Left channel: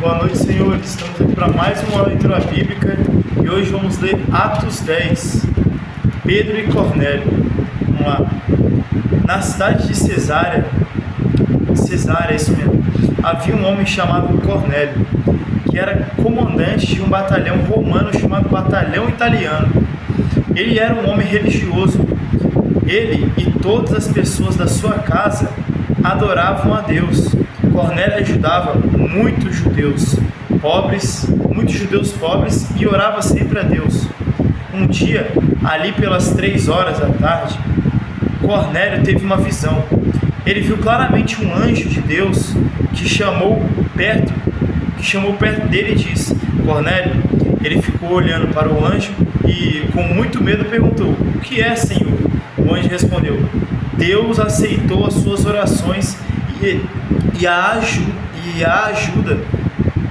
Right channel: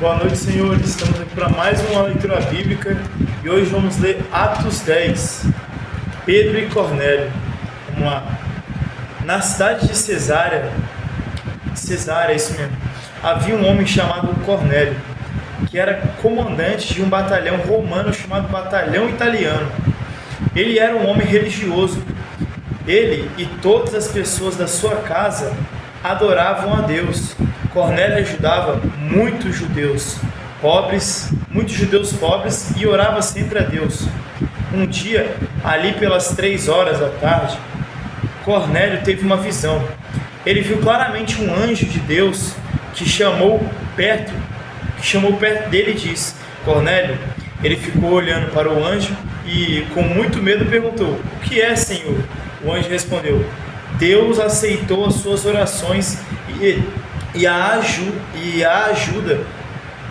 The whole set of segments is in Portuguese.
Boa noite, senhores. Estamos aqui para mais uma leitura bíblica e hoje vamos ler Atos 10, Pedro e Cornélio. Vamos lá. Na cidade de Cesareia, isso mesmo, havia um homem chamado Cornélio, que era comandante de um batalhão romano chamado Batalhão Italiano. Ele era um homem religioso. Ele e todas as pessoas da sua casa adoravam a Deus. Cornélio ajudava muitos judeus pobres e orava sempre a Deus. Um dia, ali pelas 3 horas da tarde, Cornélio teve uma visão. Ele viu claramente um anjo de Deus que chamou perto dele e disse: Cornélio. Ele ficou olhando para o anjo e com muito medo perguntou: o que é, Senhor? O anjo respondeu: Deus aceitou as suas orações e a ajuda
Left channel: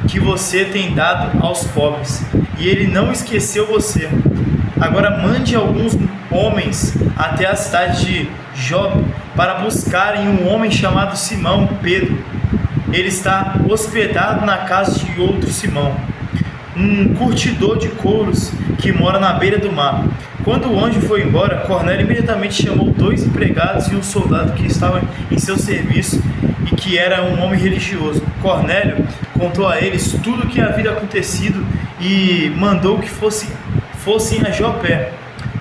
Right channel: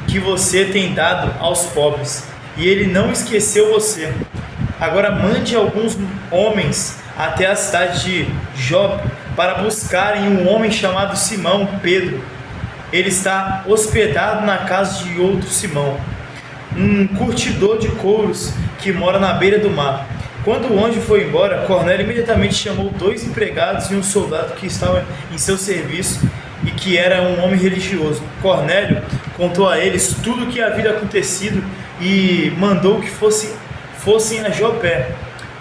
que você tem dado aos pobres, e ele não esqueceu você. Agora mande alguns homens até a cidade de Jope para buscarem um homem chamado Simão Pedro. Ele está hospedado na casa de outro Simão, um curtidor de couros que mora na beira do mar. Quando o anjo foi embora, Cornélio imediatamente chamou 2 empregados e um soldado que estava em seu serviço e que era um homem religioso. Cornélio contou a eles tudo o que havia acontecido e mandou que fossem a Jopé.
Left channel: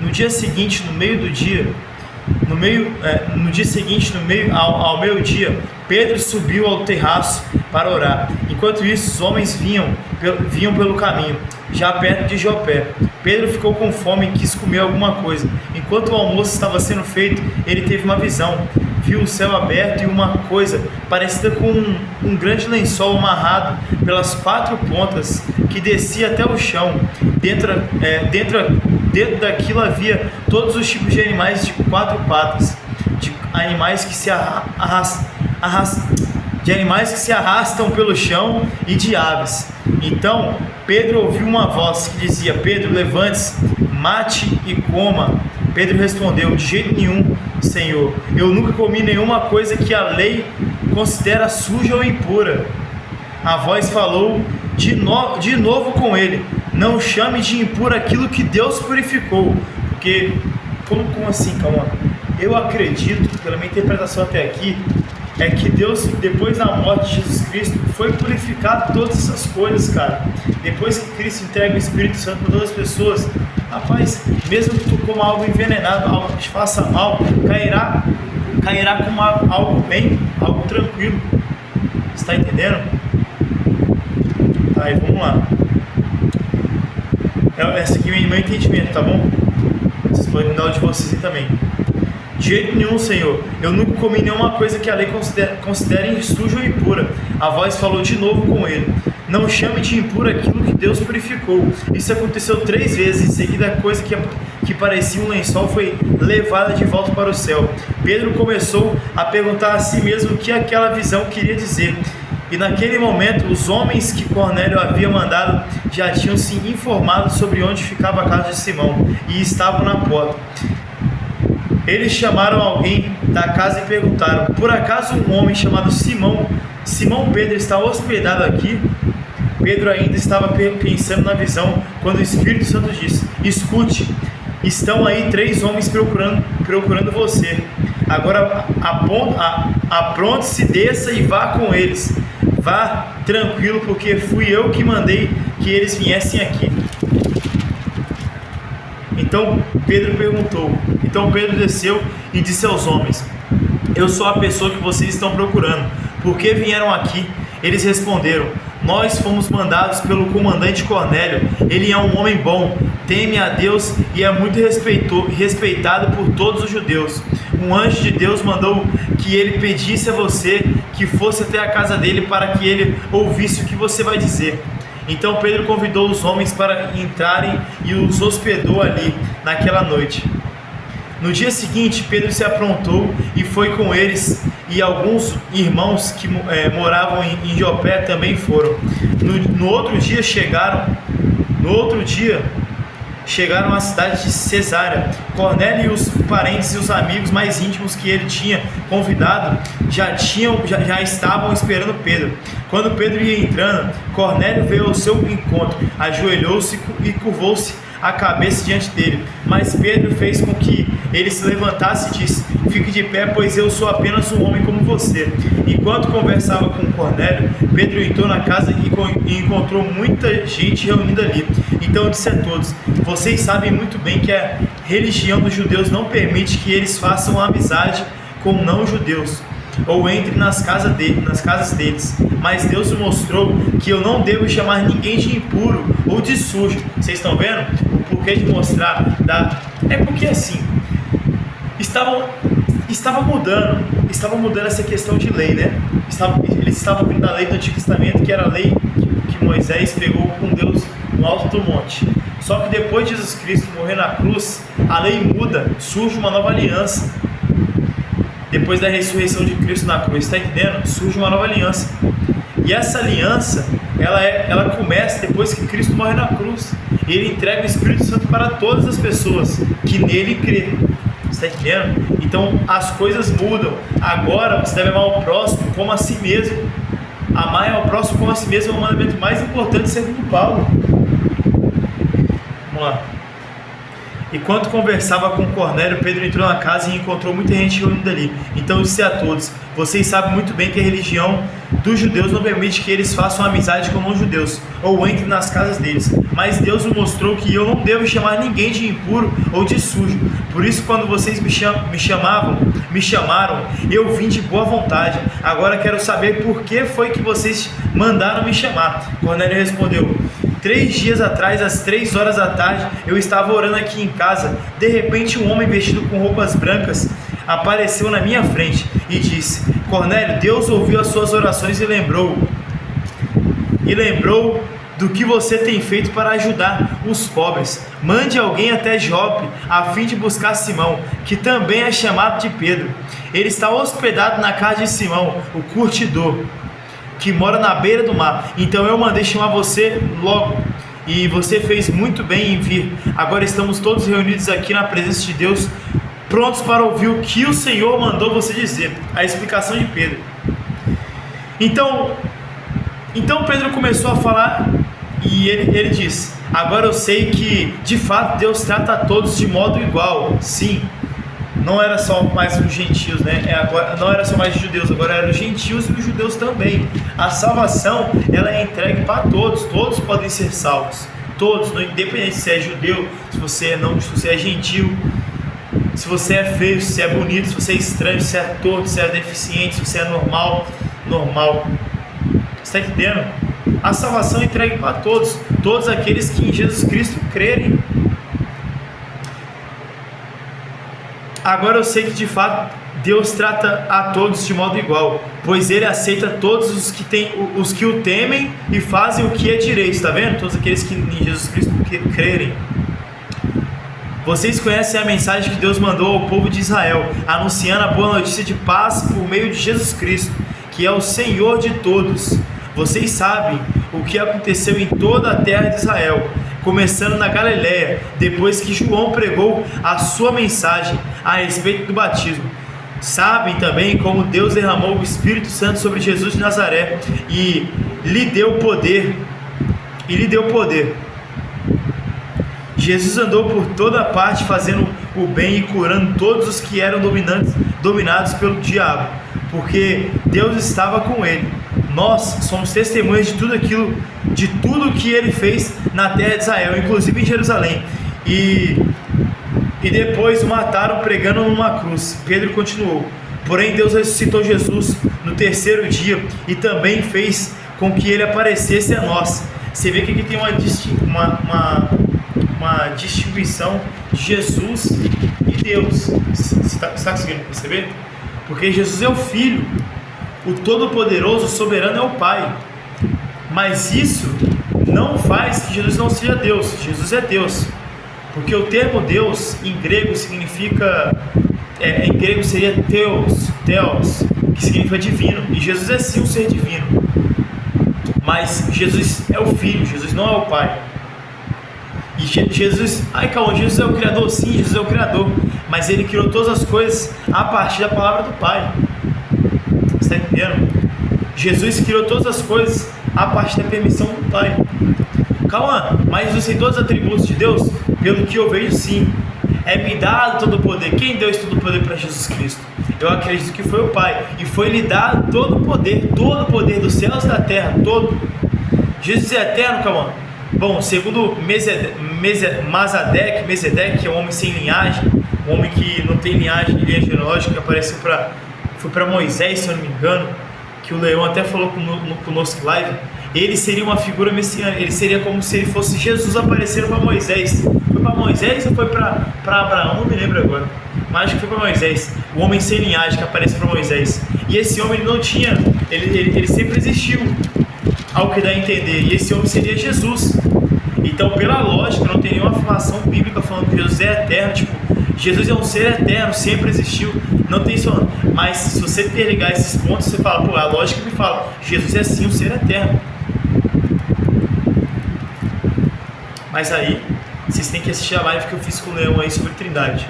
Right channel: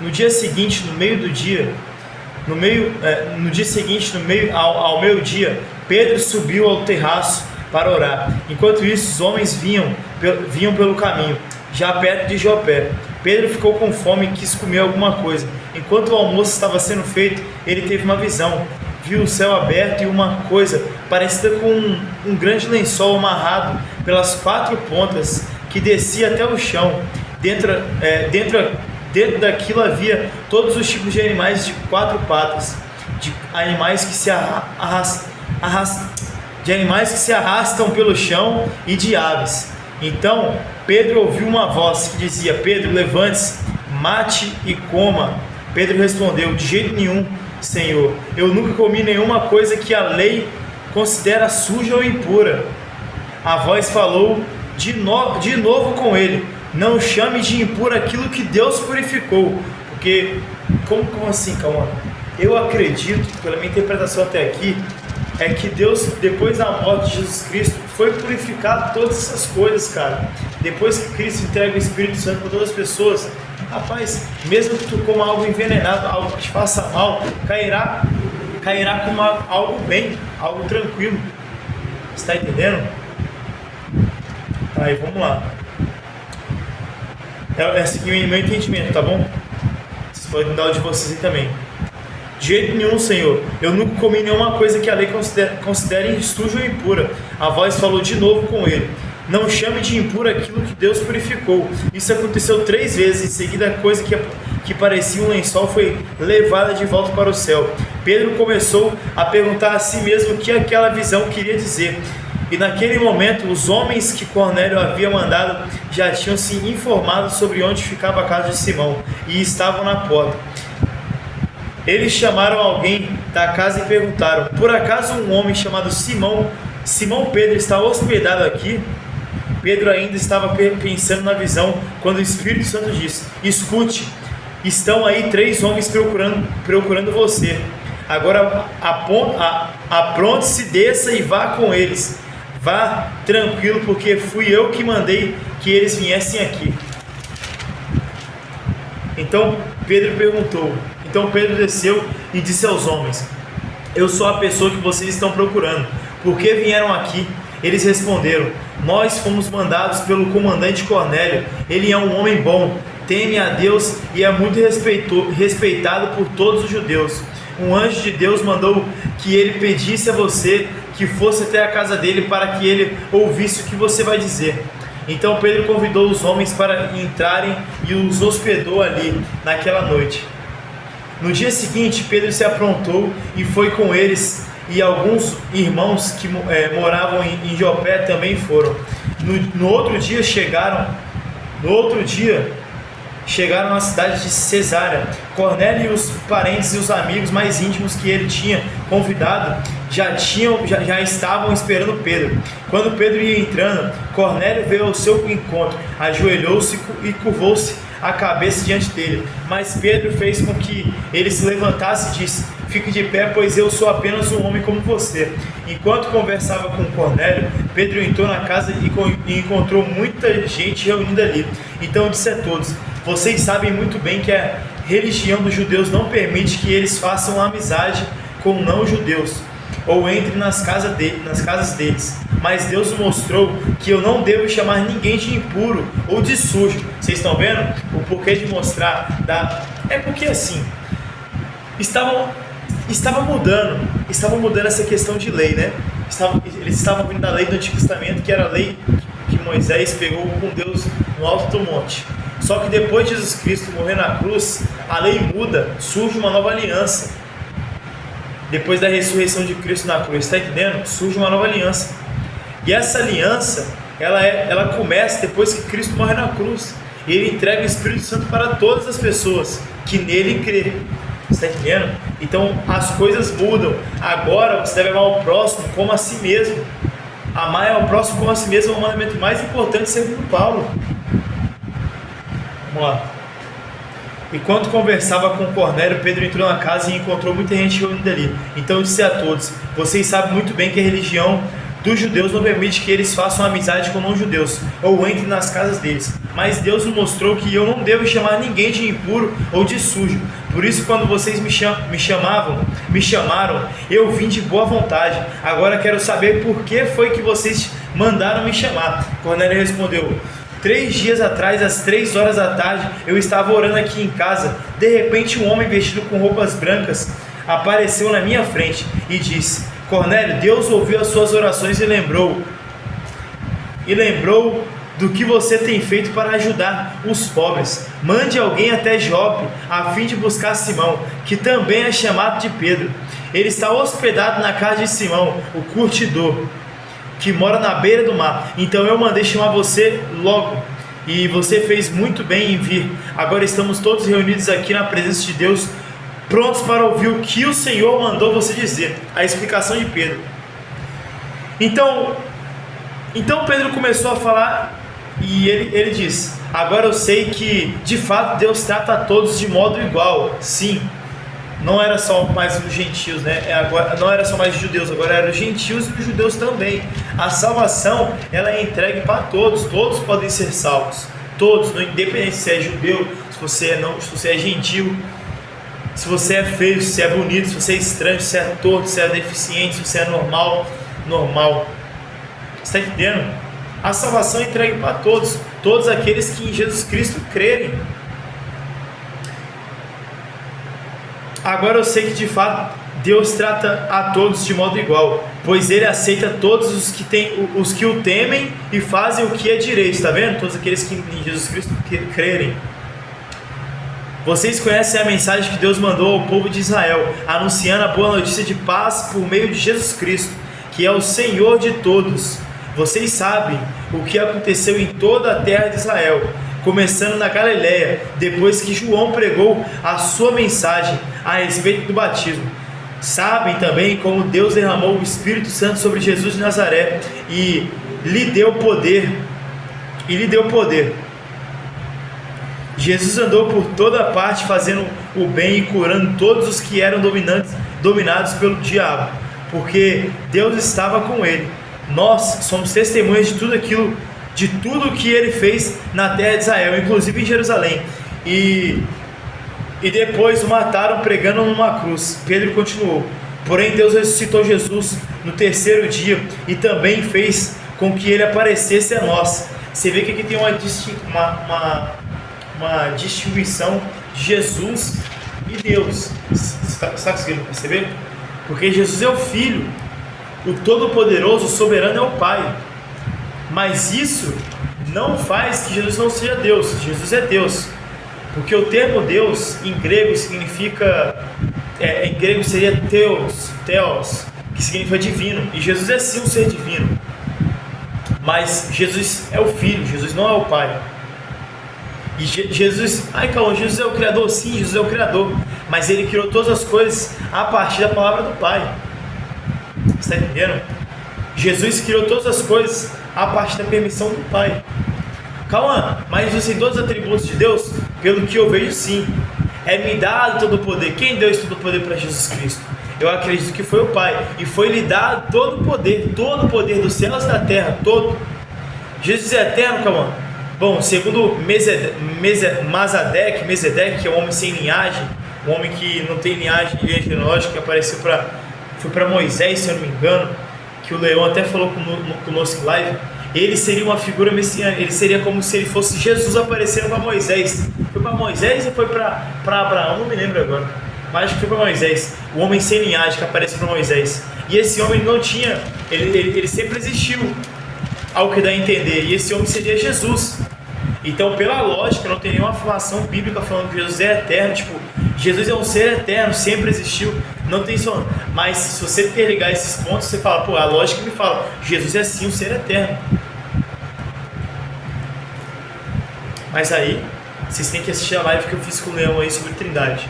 No dia seguinte, ao meio-dia, Pedro subiu ao terraço para orar. Enquanto isso, os homens vinham pelo caminho, já perto de Jopé. Pedro ficou com fome e quis comer alguma coisa. Enquanto o almoço estava sendo feito, ele teve uma visão. Viu o céu aberto e uma coisa parecida com um grande lençol amarrado pelas 4 pontas que descia até o chão. Dentro daquilo havia todos os tipos de animais de 4 patas, de animais que se arrastam pelo chão e de aves. Então Pedro ouviu uma voz que dizia: Pedro, levante-se, mate e coma. Pedro respondeu: de jeito nenhum, Senhor. Eu nunca comi nenhuma coisa que a lei considera suja ou impura. A voz falou de novo com ele: não chame de impuro aquilo que Deus purificou. Porque, como assim, calma? Eu acredito, pela minha interpretação até aqui, é que Deus, depois da morte de Jesus Cristo, foi purificado todas essas coisas, cara. Depois que Cristo entrega o Espírito Santo para todas as pessoas, rapaz, mesmo que tu coma algo envenenado, algo que te faça mal, cairá como algo bem, algo tranquilo. Está entendendo? Aí, vamos lá. Esse aqui é o meu entendimento, tá bom? Vocês podem dar o de vocês também. De jeito nenhum, Senhor. Eu nunca comi nenhuma coisa que a lei considere suja ou impura. A voz falou de novo com ele: não chame de impuro aquilo que Deus purificou. Isso aconteceu 3 vezes. Em seguida, a coisa que parecia um lençol foi levada de volta para o céu. Pedro começou a perguntar a si mesmo o que aquela visão queria dizer. E naquele momento, os homens que Cornélio havia mandado já tinham se informado sobre onde ficava a casa de Simão e estavam na porta. Eles chamaram alguém da casa e perguntaram: por acaso um homem chamado Simão Pedro está hospedado aqui? Pedro ainda estava pensando na visão quando o Espírito Santo disse: escute, estão aí 3 homens procurando você. Agora apronte-se, desça e vá com eles. Vá tranquilo, porque fui eu que mandei que eles viessem aqui. Então Pedro desceu e disse aos homens: eu sou a pessoa que vocês estão procurando. Por que vieram aqui? Eles responderam: nós fomos mandados pelo comandante Cornélio. Ele é um homem bom, teme a Deus e é muito respeitado por todos os judeus. Um anjo de Deus mandou que ele pedisse a você que fosse até a casa dele para que ele ouvisse o que você vai dizer. Então Pedro convidou os homens para entrarem e os hospedou ali naquela noite. No dia seguinte, Pedro se aprontou e foi com eles, e alguns irmãos que moravam em Jopé também foram. No outro dia chegaram à cidade de Cesárea. Cornélio e os parentes e os amigos mais íntimos que ele tinha convidado já estavam esperando Pedro. Quando Pedro ia entrando, Cornélio veio ao seu encontro, ajoelhou-se e curvou-se a cabeça diante dele. Mas Pedro fez com que ele se levantasse e disse: fique de pé, pois eu sou apenas um homem como você. Enquanto conversava com Cornélio, Pedro entrou na casa e encontrou muita gente reunida ali. Então disse a todos: vocês sabem muito bem que a religião dos judeus não permite que eles façam amizade com não-judeus ou entre nas casas deles, mas Deus mostrou que eu não devo chamar ninguém de impuro ou de sujo. Vocês estão vendo o porquê de mostrar? É porque assim, estava mudando essa questão de lei, né? Eles estavam vindo da lei do Antigo Testamento, que era a lei que Moisés pegou com Deus no alto do monte. Só que depois de Jesus Cristo morrer na cruz, a lei muda, surge uma nova aliança. Depois da ressurreição de Cristo na cruz, está entendendo? Surge uma nova aliança. E essa aliança, ela começa depois que Cristo morre na cruz. Ele entrega o Espírito Santo para todas as pessoas que nele crê. Está entendendo? Então as coisas mudam. Agora você deve amar o próximo como a si mesmo. Amar ao próximo como a si mesmo é o mandamento mais importante segundo Paulo. Vamos lá. Enquanto conversava com Cornélio, Pedro entrou na casa e encontrou muita gente reunida ali. Então disse a todos: vocês sabem muito bem que a religião dos judeus não permite que eles façam amizade com não-judeus ou entrem nas casas deles. Mas Deus me mostrou que eu não devo chamar ninguém de impuro ou de sujo. Por isso, quando vocês me chamaram, eu vim de boa vontade. Agora quero saber por que foi que vocês mandaram me chamar. Cornélio respondeu: 3 dias atrás, às 3 horas da tarde, eu estava orando aqui em casa. De repente, um homem vestido com roupas brancas apareceu na minha frente e disse: Cornélio, Deus ouviu as suas orações e lembrou do que você tem feito para ajudar os pobres. Mande alguém até Jope, a fim de buscar Simão, que também é chamado de Pedro. Ele está hospedado na casa de Simão, o curtidor, que mora na beira do mar. Então eu mandei chamar você logo, e você fez muito bem em vir. Agora estamos todos reunidos aqui na presença de Deus, prontos para ouvir o que o Senhor mandou você dizer. A explicação de Pedro. Então Pedro começou a falar, e ele disse: agora eu sei que de fato Deus trata a todos de modo igual. Sim, não era só mais os gentios, né? Agora, não era só mais os judeus, agora eram os gentios e os judeus também. A salvação, ela é entregue para todos. Todos podem ser salvos, todos, independente se é judeu, se você é gentil, se você é feio, se é bonito, se você é estranho, se é torto, se é deficiente, se você é normal. Está entendendo? A salvação é entregue para todos aqueles que em Jesus Cristo crerem. Agora eu sei que de fato Deus trata a todos de modo igual, pois Ele aceita todos os que o temem e fazem o que é direito. Está vendo? Todos aqueles que em Jesus Cristo crerem. Vocês conhecem a mensagem que Deus mandou ao povo de Israel, anunciando a boa notícia de paz por meio de Jesus Cristo, que é o Senhor de todos. Vocês sabem o que aconteceu em toda a terra de Israel, começando na Galileia, depois que João pregou a sua mensagem a respeito do batismo. Sabem também como Deus derramou o Espírito Santo sobre Jesus de Nazaré e lhe deu poder. Jesus andou por toda parte fazendo o bem e curando todos os que eram dominados pelo diabo, porque Deus estava com ele. Nós somos testemunhas de tudo que ele fez na terra de Israel, inclusive em Jerusalém. E depois o mataram pregando numa cruz. Pedro continuou: porém Deus ressuscitou Jesus no 3º dia e também fez com que ele aparecesse a nós. Você vê que aqui tem uma distinção de Jesus e Deus. Você está conseguindo perceber? Porque Jesus é o Filho, o Todo-Poderoso, o Soberano é o Pai. Mas isso não faz que Jesus não seja Deus. Jesus é Deus. Porque o termo Deus em grego significa, em grego seria Theos, que significa divino. E Jesus é sim um ser divino. Mas Jesus é o Filho, Jesus não é o Pai. E Jesus, calma, Jesus é o Criador? Sim, Jesus é o Criador, mas Ele criou todas as coisas a partir da palavra do Pai. Você está entendendo? Jesus criou todas as coisas a partir da permissão do Pai. Calma, mas Jesus tem todos os atributos de Deus? Pelo que eu vejo, sim. É me dado todo o poder. Quem deu esse todo o poder para Jesus Cristo? Eu acredito que foi o Pai, e foi lhe dado todo o poder dos céus e da terra, todo. Jesus é eterno, calma. Bom, segundo Mesedeque, que é um homem sem linhagem, um homem que não tem linhagem genealógica, que apareceu foi para Moisés, se eu não me engano, que o Leão até falou conosco live. Ele seria uma figura messiânica, ele seria como se ele fosse Jesus aparecendo para Moisés. Foi para Moisés ou foi para Abraão? Não me lembro agora, mas acho que foi para Moisés, o homem sem linhagem que aparece para Moisés. E esse homem não tinha, ele sempre existiu, ao que dá a entender, e esse homem seria Jesus. Então, pela lógica, não tem nenhuma afirmação bíblica falando que Jesus é eterno, tipo, Jesus é um ser eterno, sempre existiu, não tem isso. Mas se você interligar esses pontos, você fala, pô, a lógica me fala, Jesus é sim um ser eterno. Mas aí, vocês têm que assistir a live que eu fiz com o Leão aí sobre Trindade.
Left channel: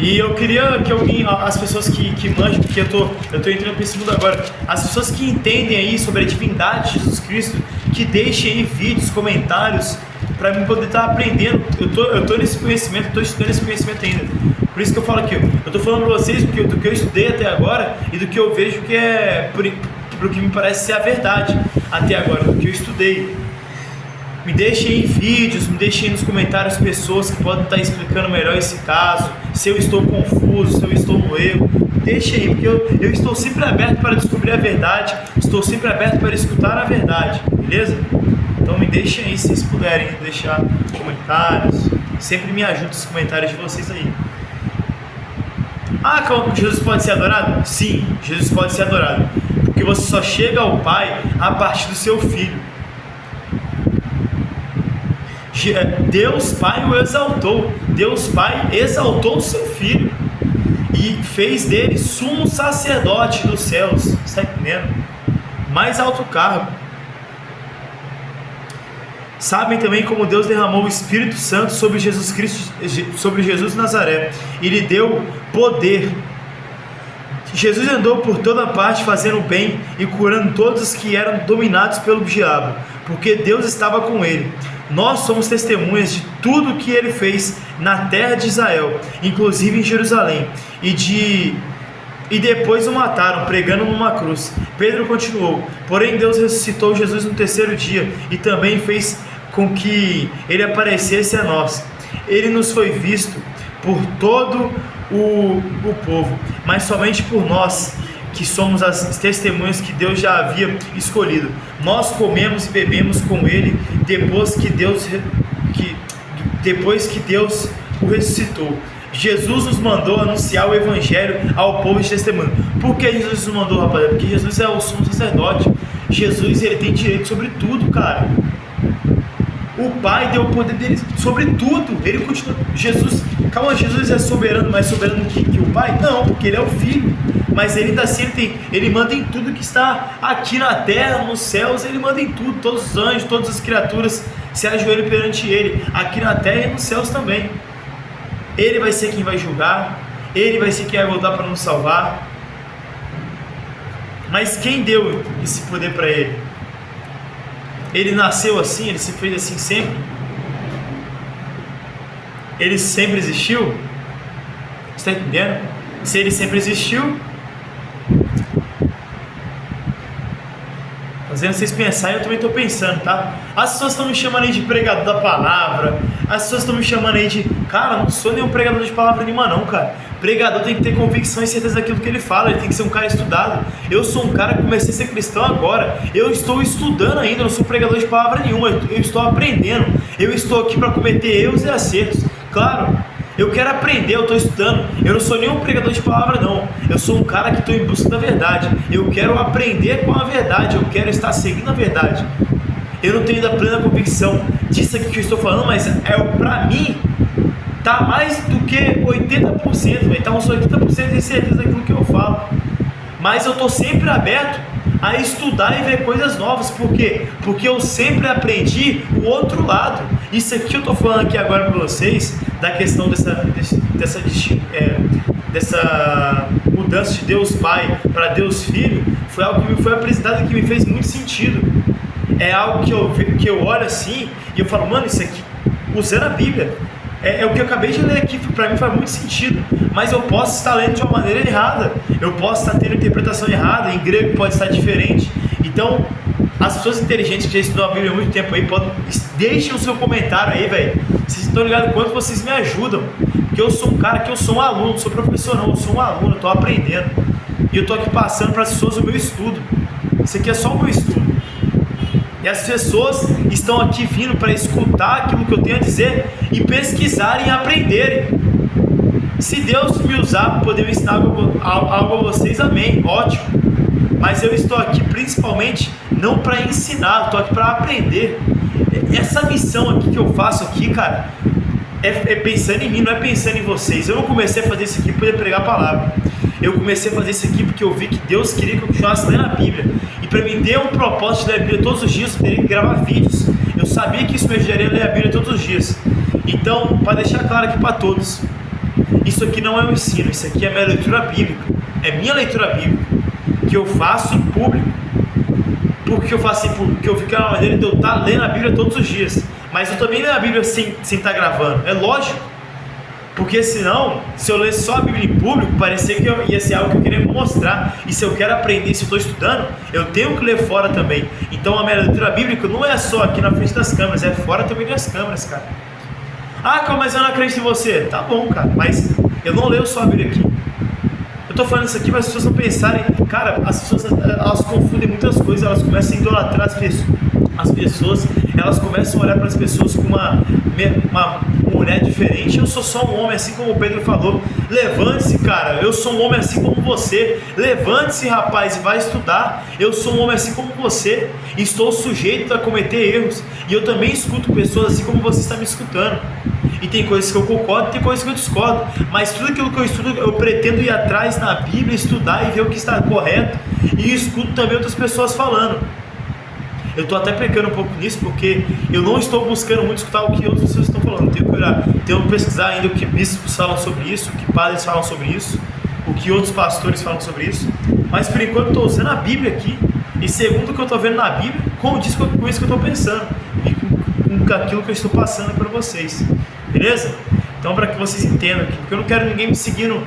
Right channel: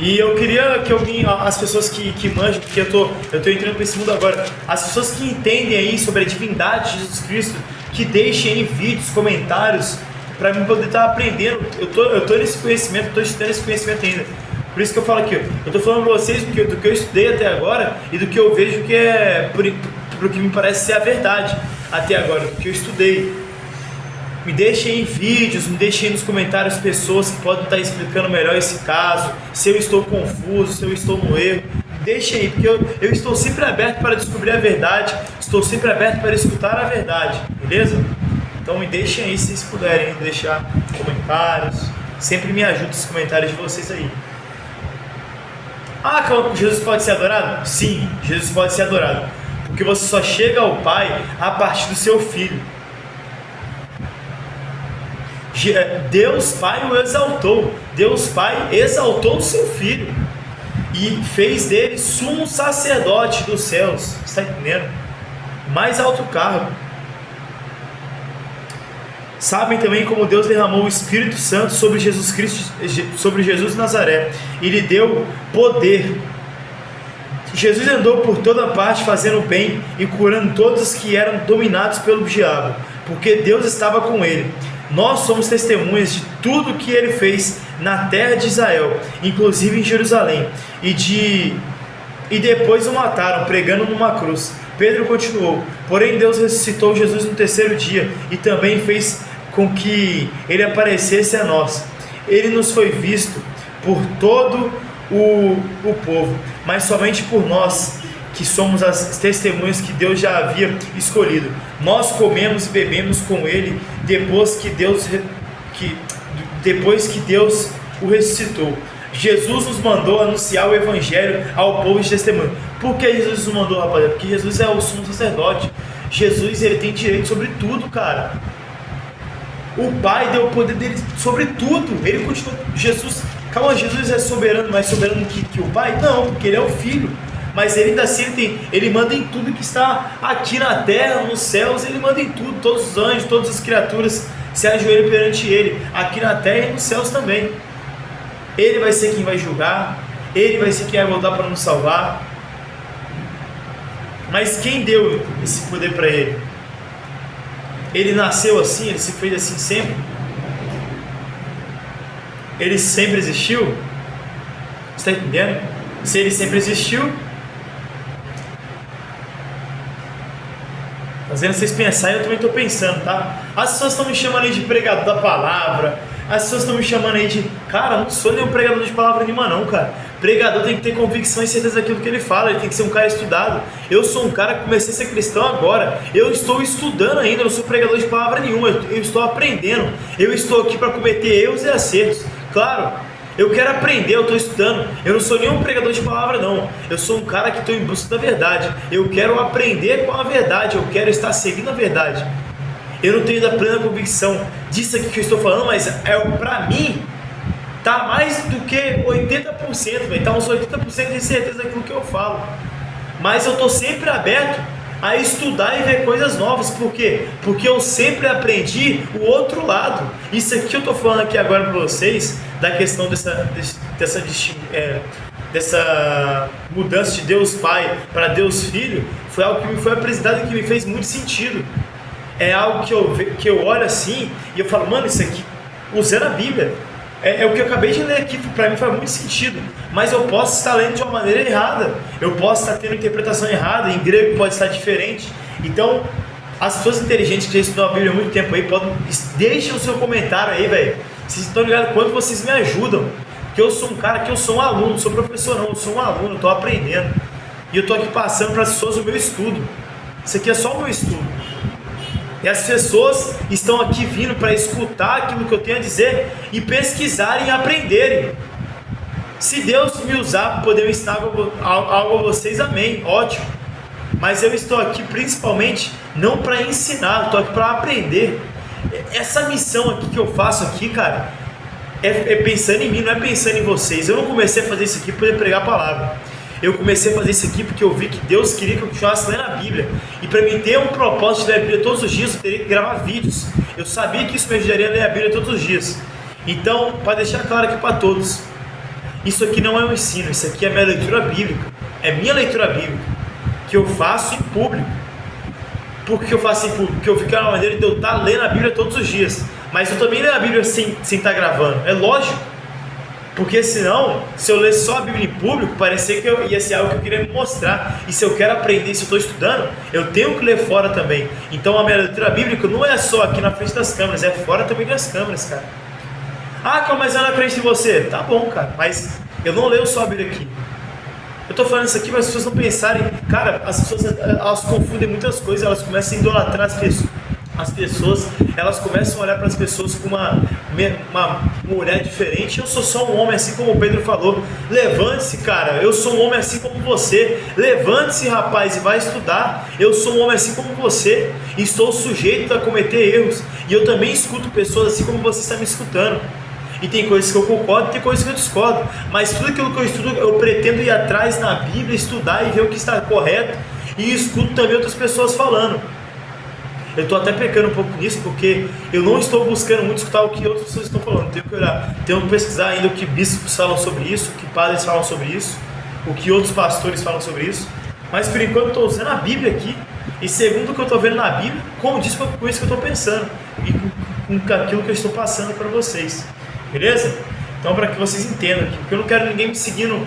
E eu queria que alguém, as pessoas que manjam, porque eu tô entrando para esse mundo agora, as pessoas que entendem aí sobre a divindade de Jesus Cristo, que deixem aí vídeos, comentários, para mim poder estar aprendendo. Eu tô nesse conhecimento, estou estudando esse conhecimento ainda. Por isso que eu falo aqui, eu estou falando para vocês do que eu estudei até agora e do que eu vejo que é, pro que me parece ser a verdade até agora, do que eu estudei. Me deixem em vídeos, me deixem nos comentários pessoas que podem estar explicando melhor esse caso, se eu estou confuso, se eu estou no erro. Deixem aí, porque eu estou sempre aberto para descobrir a verdade, estou sempre aberto para escutar a verdade, beleza? Então me deixem aí, se vocês puderem deixar comentários, sempre me ajuda os comentários de vocês aí. Jesus pode ser adorado? Sim, Jesus pode ser adorado, porque você só chega ao Pai a partir do seu Filho. Deus Pai o exaltou, Deus Pai exaltou o seu Filho e fez dele sumo sacerdote dos céus, está entendendo? Mais alto cargo. Sabem também como Deus derramou o Espírito Santo sobre Jesus Cristo, sobre Jesus de Nazaré, e lhe deu poder. Jesus andou por toda parte fazendo bem e curando todos os que eram dominados pelo diabo, porque Deus estava com ele. Nós somos testemunhas de tudo que ele fez na terra de Israel, inclusive em Jerusalém, e depois o mataram, pregando numa cruz. Pedro continuou: porém Deus ressuscitou Jesus no terceiro dia, e também fez com que ele aparecesse a nós. Ele nos foi visto por todo o povo, mas somente por nós, que somos as testemunhas que Deus já havia escolhido. Nós comemos e bebemos com ele depois que Deus o ressuscitou. Jesus nos mandou anunciar o evangelho ao povo de testemunho. Por que Jesus nos mandou, rapaziada? Porque Jesus é o sumo sacerdote. Jesus, ele tem direito sobre tudo, cara. O Pai deu o poder dele sobre tudo. Ele continua. Jesus é soberano, mais soberano que o Pai? Não, porque ele é o Filho. Mas ele ainda assim ele manda em tudo que está aqui na terra, nos céus. Ele manda em tudo. Todos os anjos, todas as criaturas se ajoelham perante ele, aqui na terra e nos céus também. Ele vai ser quem vai julgar, ele vai ser quem vai voltar para nos salvar. Mas quem deu esse poder para ele? Ele nasceu assim? Ele se fez assim sempre? Ele sempre existiu? Você está entendendo? Se ele sempre existiu, fazendo vocês pensarem, eu também estou pensando, tá? As pessoas estão me chamando aí de pregador da palavra, as pessoas estão me chamando aí de... Cara, eu não sou nenhum pregador de palavra nenhuma não, cara. Pregador tem que ter convicção e certeza daquilo que ele fala, ele tem que ser um cara estudado. Eu sou um cara que comecei a ser cristão agora, eu estou estudando ainda, não sou pregador de palavra nenhuma, eu estou aprendendo, eu estou aqui para cometer erros e acertos. Claro, eu quero aprender, eu estou estudando, eu não sou nenhum pregador de palavra não, eu sou um cara que estou em busca da verdade, eu quero aprender com a verdade, eu quero estar seguindo a verdade. Eu não tenho ainda plena convicção disso aqui que eu estou falando, mas pra mim, tá mais do que 80%, tá uns 80% de certeza daquilo que eu falo. Mas eu estou sempre aberto a estudar e ver coisas novas. Por quê? Porque eu sempre aprendi o outro lado. Isso aqui eu estou falando aqui agora para vocês, da questão dessa mudança de Deus Pai para Deus Filho, foi algo que me foi apresentado e que me fez muito sentido. É algo que eu olho assim e eu falo, mano, isso aqui, usando a Bíblia, é o que eu acabei de ler aqui, para mim faz muito sentido, mas eu posso estar lendo de uma maneira errada, eu posso estar tendo interpretação errada, em grego pode estar diferente. Então, as pessoas inteligentes que já estudam a Bíblia há muito tempo aí, deixem o seu comentário aí, velho. Vocês estão ligados quanto vocês me ajudam, porque eu sou um cara que eu sou um aluno, não sou professor não, eu sou um aluno, eu estou aprendendo, e eu estou aqui passando para as pessoas o meu estudo. Isso aqui é só o meu estudo. E as pessoas estão aqui vindo para escutar aquilo que eu tenho a dizer e pesquisarem e aprenderem. Se Deus me usar para poder ensinar algo a vocês, amém, ótimo. Mas eu estou aqui principalmente não para ensinar, eu estou aqui para aprender. Essa missão aqui que eu faço aqui, cara, é pensando em mim, não é pensando em vocês. Eu não comecei a fazer isso aqui para poder pregar a palavra. Eu comecei a fazer isso aqui porque eu vi que Deus queria que eu continuasse lendo a Bíblia. E para mim ter um propósito de ler a Bíblia todos os dias, eu teria que gravar vídeos. Eu sabia que isso me ajudaria a ler a Bíblia todos os dias. Então, para deixar claro aqui para todos, isso aqui não é um ensino, isso aqui é minha leitura bíblica. É minha leitura bíblica, que eu faço em público. Por que eu faço em público? Porque eu fico na maneira de eu estar lendo a Bíblia todos os dias. Mas eu também leio a Bíblia sem estar gravando, é lógico. Porque senão, se eu ler só a Bíblia em público, parecia que ia ser algo que eu queria mostrar. E se eu quero aprender, se eu estou estudando, eu tenho que ler fora também. Então a minha leitura bíblica não é só aqui na frente das câmeras, é fora também das câmeras, cara. Ah, cara, mas eu não acredito em você. Tá bom, cara, mas eu não leio só a Bíblia aqui. Eu estou falando isso aqui para as pessoas não pensarem. Cara, as pessoas elas confundem muitas coisas, elas começam a idolatrar as pessoas, elas começam a olhar para as pessoas com um olhar diferente. Eu sou só um homem, assim como o Pedro falou. Levante-se, cara, eu sou um homem assim como você. Levante-se, rapaz, e vai estudar. Eu sou um homem assim como você, estou sujeito a cometer erros, e eu também escuto pessoas assim como você está me escutando. E tem coisas que eu concordo, tem coisas que eu discordo, mas tudo aquilo que eu estudo, eu pretendo ir atrás na Bíblia, estudar e ver o que está correto, e escuto também outras pessoas falando. Eu estou até pecando um pouco nisso, porque eu não estou buscando muito escutar o que outras pessoas estão falando. Tenho que olhar, tenho que pesquisar ainda o que bispos falam sobre isso, o que padres falam sobre isso, o que outros pastores falam sobre isso. Mas por enquanto eu estou usando a Bíblia aqui, e segundo o que eu estou vendo na Bíblia, condiz com isso que eu estou pensando, e com aquilo que eu estou passando para vocês. Beleza? Então, para que vocês entendam aqui, porque eu não quero ninguém me seguindo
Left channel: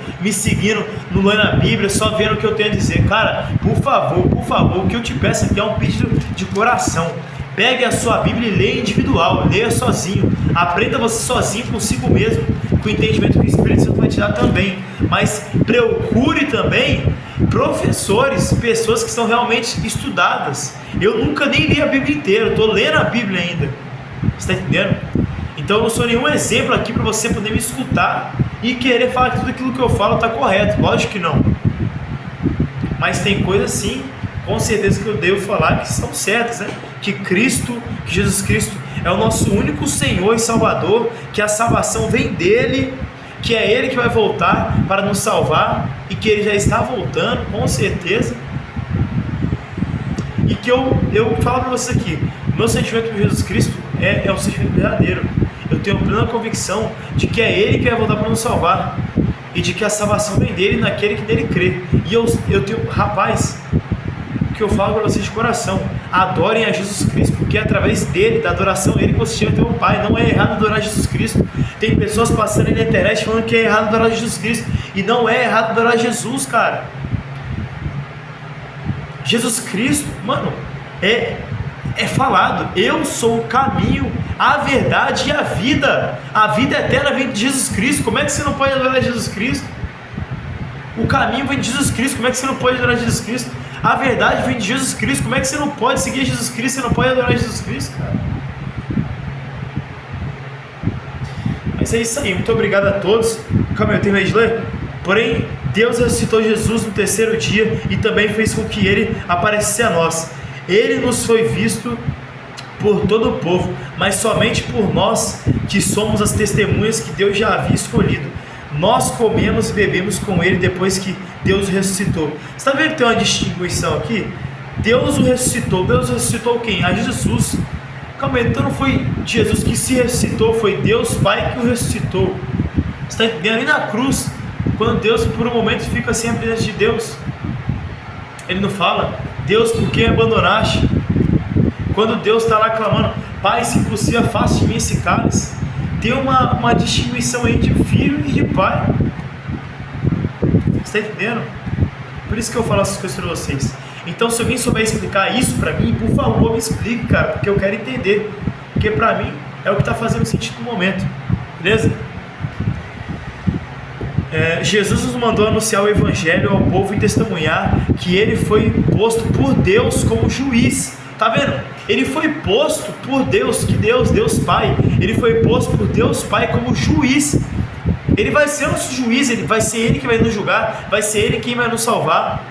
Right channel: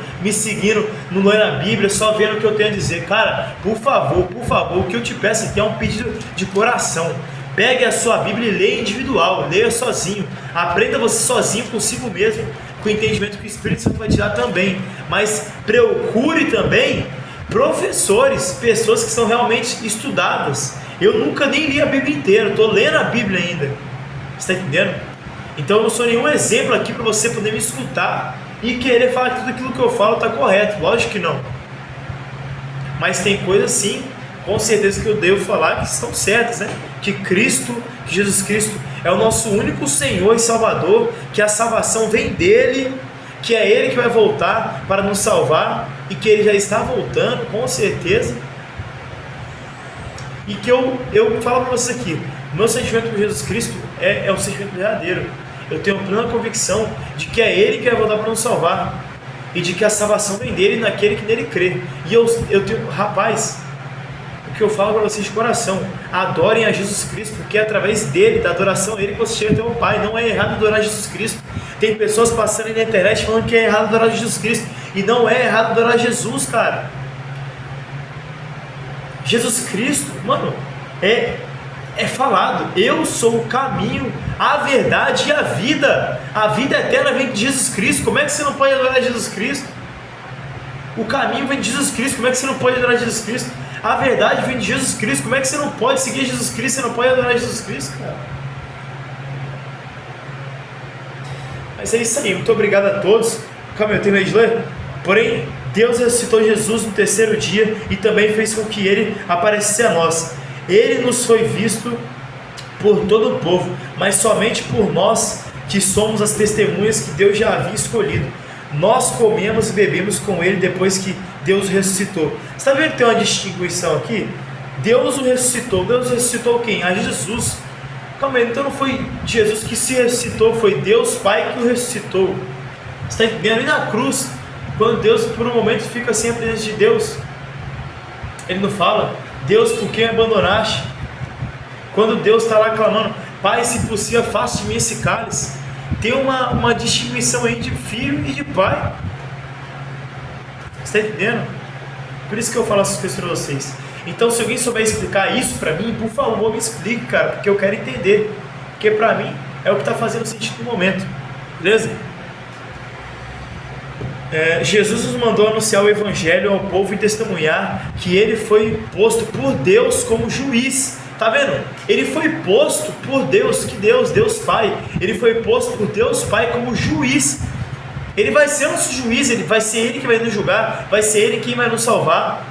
no Lendo a Bíblia, só vendo o que eu tenho a dizer. Cara, por favor, o que eu te peço aqui é um pedido de coração. Pegue a sua Bíblia e leia individual, leia sozinho, aprenda você sozinho consigo mesmo, com o entendimento que o Espírito Santo vai te dar também. Mas procure também professores, pessoas que são realmente estudadas. Eu nunca nem li a Bíblia inteira, estou lendo a Bíblia ainda. Você está entendendo? Então eu não sou nenhum exemplo aqui para você poder me escutar e querer falar que tudo aquilo que eu falo está correto. Lógico que não. Mas tem coisas sim, com certeza, que eu devo falar que estão certas, né? Que Jesus Cristo é o nosso único Senhor e Salvador, que a salvação vem dele, que é ele que vai voltar para nos salvar e que ele já está voltando, com certeza. E que eu falo para vocês aqui, o meu sentimento por Jesus Cristo é um sentimento verdadeiro. Eu tenho plena convicção de que é ele que vai voltar para nos salvar e de que a salvação vem dele naquele que nele crê. E eu tenho, rapaz, o que eu falo para vocês de coração, adorem a Jesus Cristo, porque é através dele, da adoração a ele, que você chega até o Pai. Não é errado adorar Jesus Cristo. Tem pessoas passando aí na internet falando que é errado adorar Jesus Cristo, e não é errado adorar Jesus, cara. Jesus Cristo, mano, é falado, eu sou o caminho, a verdade e a vida eterna vem de Jesus Cristo. Como é que você não pode adorar Jesus Cristo? O caminho vem de Jesus Cristo, como é que você não pode adorar Jesus Cristo? A verdade vem de Jesus Cristo, como é que você não pode seguir Jesus Cristo, você não pode adorar Jesus Cristo, cara? Mas é isso aí, muito obrigado a todos. Calma aí, eu terminei de ler? Porém, Deus ressuscitou Jesus no terceiro dia e também fez com que ele aparecesse a nós. Ele nos foi visto por todo o povo, mas somente por nós, que somos as testemunhas que Deus já havia escolhido. Nós comemos e bebemos com ele depois que Deus ressuscitou. Você está vendo que tem uma distinção aqui? Deus o ressuscitou. Deus ressuscitou quem? A Jesus. Calma aí, então não foi Jesus que se ressuscitou, foi Deus Pai que o ressuscitou. Você está entendendo? Ali na cruz, quando Deus por um momento fica sem a presença de Deus, Ele não fala: Deus, por que me abandonaste? Quando Deus está lá clamando: Pai, se possível, afaste de mim esse cálice. Tem uma distinção aí de filho e de pai. Você está entendendo? Por isso que eu falo essas coisas para vocês. Então, se alguém souber explicar isso para mim, por favor, me explique, cara, porque eu quero entender. Porque para mim é o que está fazendo sentido no momento. Beleza? Jesus nos mandou anunciar o Evangelho ao povo e testemunhar que Ele foi posto por Deus como juiz. Tá vendo? Ele foi posto por Deus, que Deus Pai. Ele foi posto por Deus Pai como juiz. Ele vai ser nosso juiz, vai ser Ele que vai nos julgar, vai ser Ele quem vai nos salvar.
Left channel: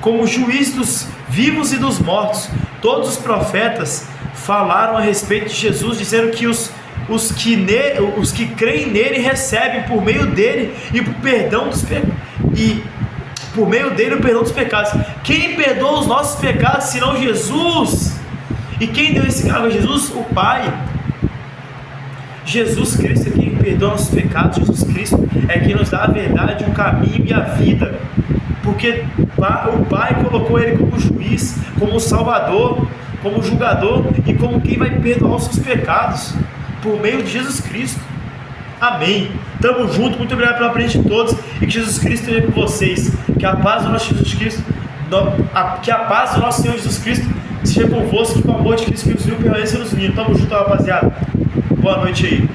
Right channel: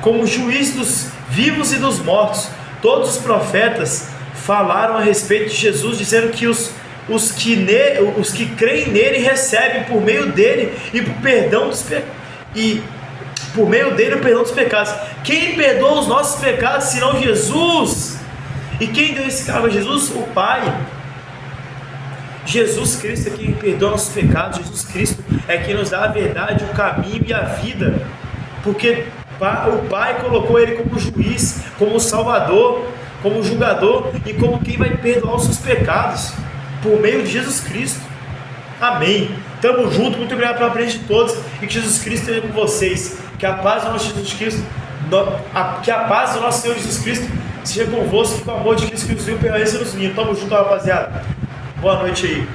Como juiz dos vivos e dos mortos. Todos os profetas falaram a respeito de Jesus, dizendo que os que creem nele recebem por meio dele e por perdão dos por meio dele o perdão dos pecados. Quem perdoa os nossos pecados senão Jesus? E quem deu esse cargo a Jesus? O Pai. Jesus Cristo é quem perdoa nossos pecados. Jesus Cristo é quem nos dá a verdade, o caminho e a vida, porque o Pai colocou Ele como juiz, como salvador, como julgador e como quem vai perdoar os seus pecados por meio de Jesus Cristo. Amém. Tamo junto, muito obrigado pela presença de todos e que Jesus Cristo esteja com vocês. Que a paz do nosso Jesus Cristo, que a paz do nosso Senhor Jesus Cristo seja convosco, que o amor de Cristo que nos uniu permaneça nos unindo. Tamo junto, rapaziada. Boa noite aí.